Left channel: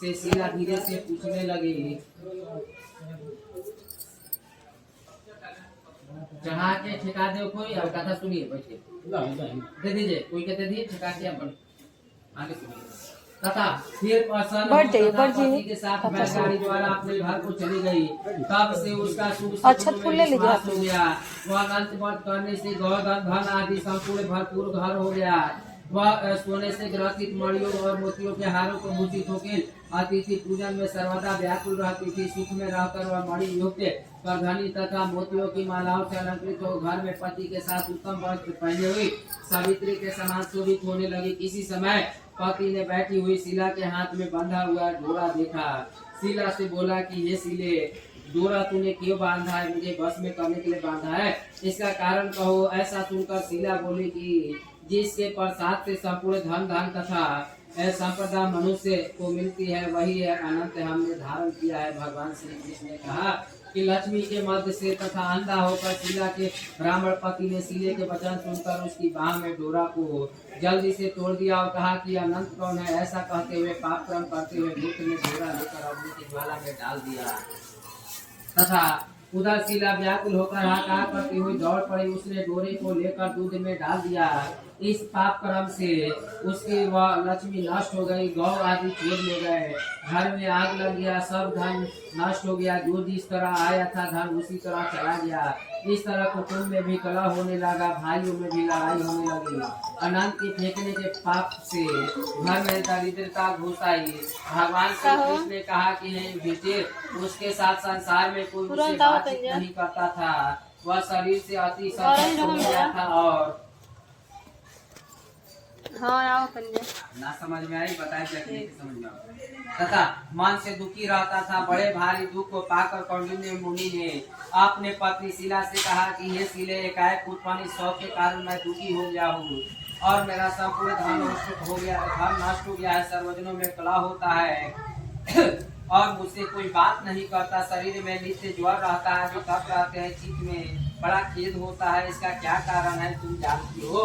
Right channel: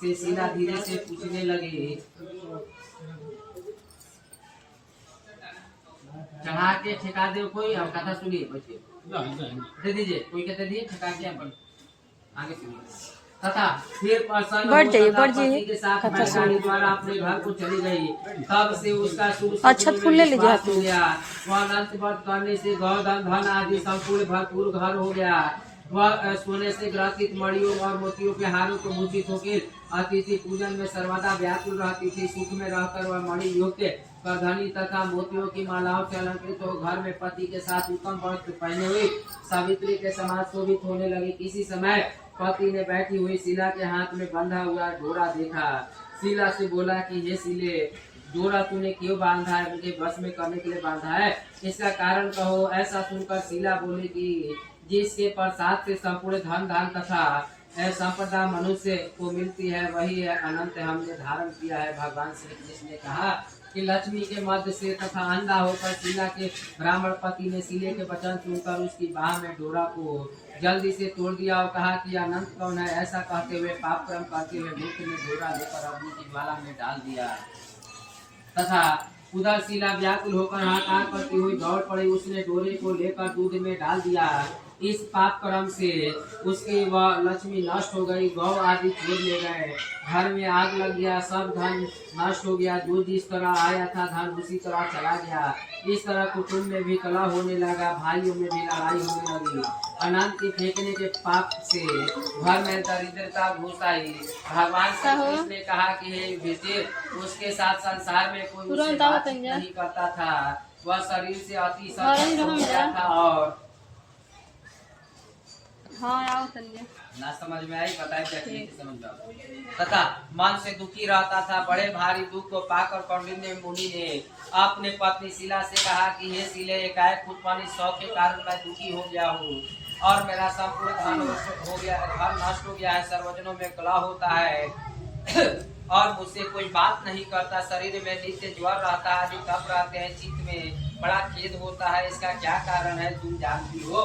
से शीला धीरे से पूछने लगी, चढ़ा के ठेका दे कोई। और कथा सुनिए, बैठिए, दे दीजिए, कोई कहते दिए ठेका के आगे सुनिए। तथा फिर प्रसन्न पति के साथ बैलगाड़ी द्वारा अपने घर को चली गई। तब से उसका अच्छा फूल ले लीजिए हो गया। वह अनंत व्रत करने से गौधन धन आदि संपूर्ण भरपूर घर हो गया। वह सोने से ग्रथित मणियों और मोतियों के हारों को भूषित होकर अतिथि पूजन में सर्वदा व्याकुल रहती थी। सुख में रहकर वह मणि युक्त करधनी तथा मोतियों की मालाओं से अलंकृत हो घर में पति के साथ उत्तम वस्त्र पहने हुई सावित्री के समान शोभित होने लगी। किसी समय पति ने बैठी हुई शीला के हाथ में बंधा हुआ डोरा देखा। शीला से बोला कि ये शीले, डोरा तूने क्यों बांधा है? मुझे बस में करने के लिए बांधा है, इसका कारण कहो। ऐसा सुनकर शीला बोली कि जिसके प्रसाद से संपूर्ण धन धान तथा संपदा मनुष्य को मिलती है वही है अनंत हमने धारण किया है। भगवान श्री कृष्ण ने कहा कि लक्ष्मी के मध्य से तथा अंधा होकर शीला के ब्राह्मण पति ने शीले के वचन सुनकर उसकी बाह में डोरा को जल्दी से तोड़ दिया और कहा कि अनंत कौन है? ऐसा कहते हुए पाप कर्म करते हुए मूर्ख ने डोरा लेकर अग्नि की ज्वाला में डाल दिया। तथा उधर शीला व्याकुल होकर हाहाकार करती हुई दौड़ पड़ी। उसने डोरे को लेकर दूध में डाल दिया। इस पाप कर्म से उसकी वह लक्ष्मी नष्ट हो गई। गौ आदि छोड़ ले गए, घर में आग लग गया, सब धन नष्ट हो गया। जो जिस तरह आया था धन उसी तरह चला गया। इस तरह कुटुंब में भी कलह होने लगा, भाइयों में भी लड़ाई होने लगी। अनंत की फेंकने के पाप से घर में दरिद्रता घुस आई। भगवान श्री कृष्ण ने कहा कि हे युधिष्ठिर, उसके साथ संसार में कोई उससे बातचीत नहीं करता था। वह शरीर से अति संतुष्ट हो गया था और ना समझ में आई, बताए समझ में तथा मन से दुखी रहता था। बड़े भारी दुख को पाकर कौंडिन्य मुनि ने अपने पत्नी शीला से कहा कि हे शीले, एकाएक उत्पन्न शौक के कारण मैं दुखी हो गया हूँ और मेरा संपूर्ण धन हो गया, धन नष्ट हो गया है। सर्वजनों में कलह होता है और मुझसे कोई बात नहीं करता। शरीर में नित्य ज्वर रहता है, जो कफ रहते हैं, चित्त में बड़ा खेद होता है। इसका क्या कारण है तुम जानती हो?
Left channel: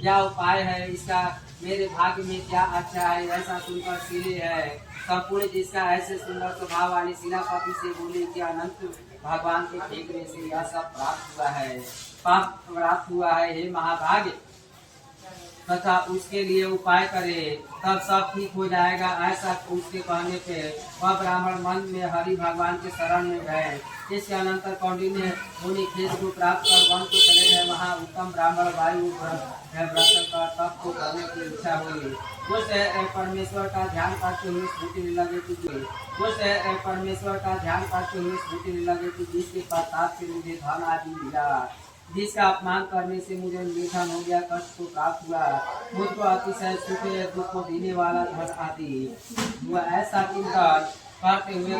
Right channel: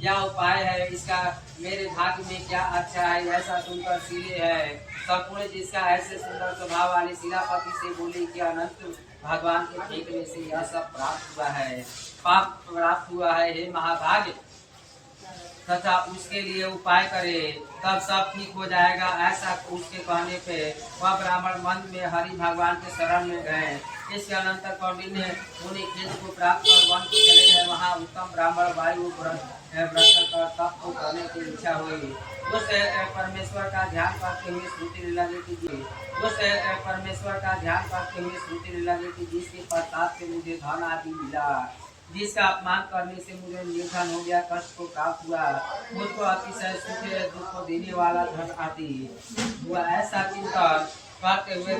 क्या उपाय है इसका? मेरे भाग्य में क्या अच्छा है? ऐसा सुनकर शीले है संपूर्ण जिसका ऐसे सुंदर स्वभाव वाली शीलापति से बोली कि अनंत भगवान के फेंकने से यह सब प्राप्त हुआ है, पाप प्राप्त हुआ है। हे महाभाग्य, तथा उसके लिए उपाय करे तब सब ठीक हो जाएगा। ऐसा उसके कहने पे वह ब्राह्मण मन में हरि भगवान के शरण में गए। इसके अनंतर कौंडिन्य मुनि खेत को प्राप्त कर वन को चले गए। वहाँ उत्तम ब्राह्मण वायु व्रत कर तप को करने की इच्छा हुई। उस परमेश्वर का ध्यान करते हुए स्मृति लीला देती परमेश्वर का ध्यान करते हुए स्मृति लीला देती जिसके प्रसाद से मुझे धन आदि मिला, जिसका अपमान करने से मुझे निधन हो गया, कष्ट को प्राप्त हुआ, मुझको अतिशय सुख दुख को देने वाला धन आदि हुआ। ऐसा चिंतन करते हुए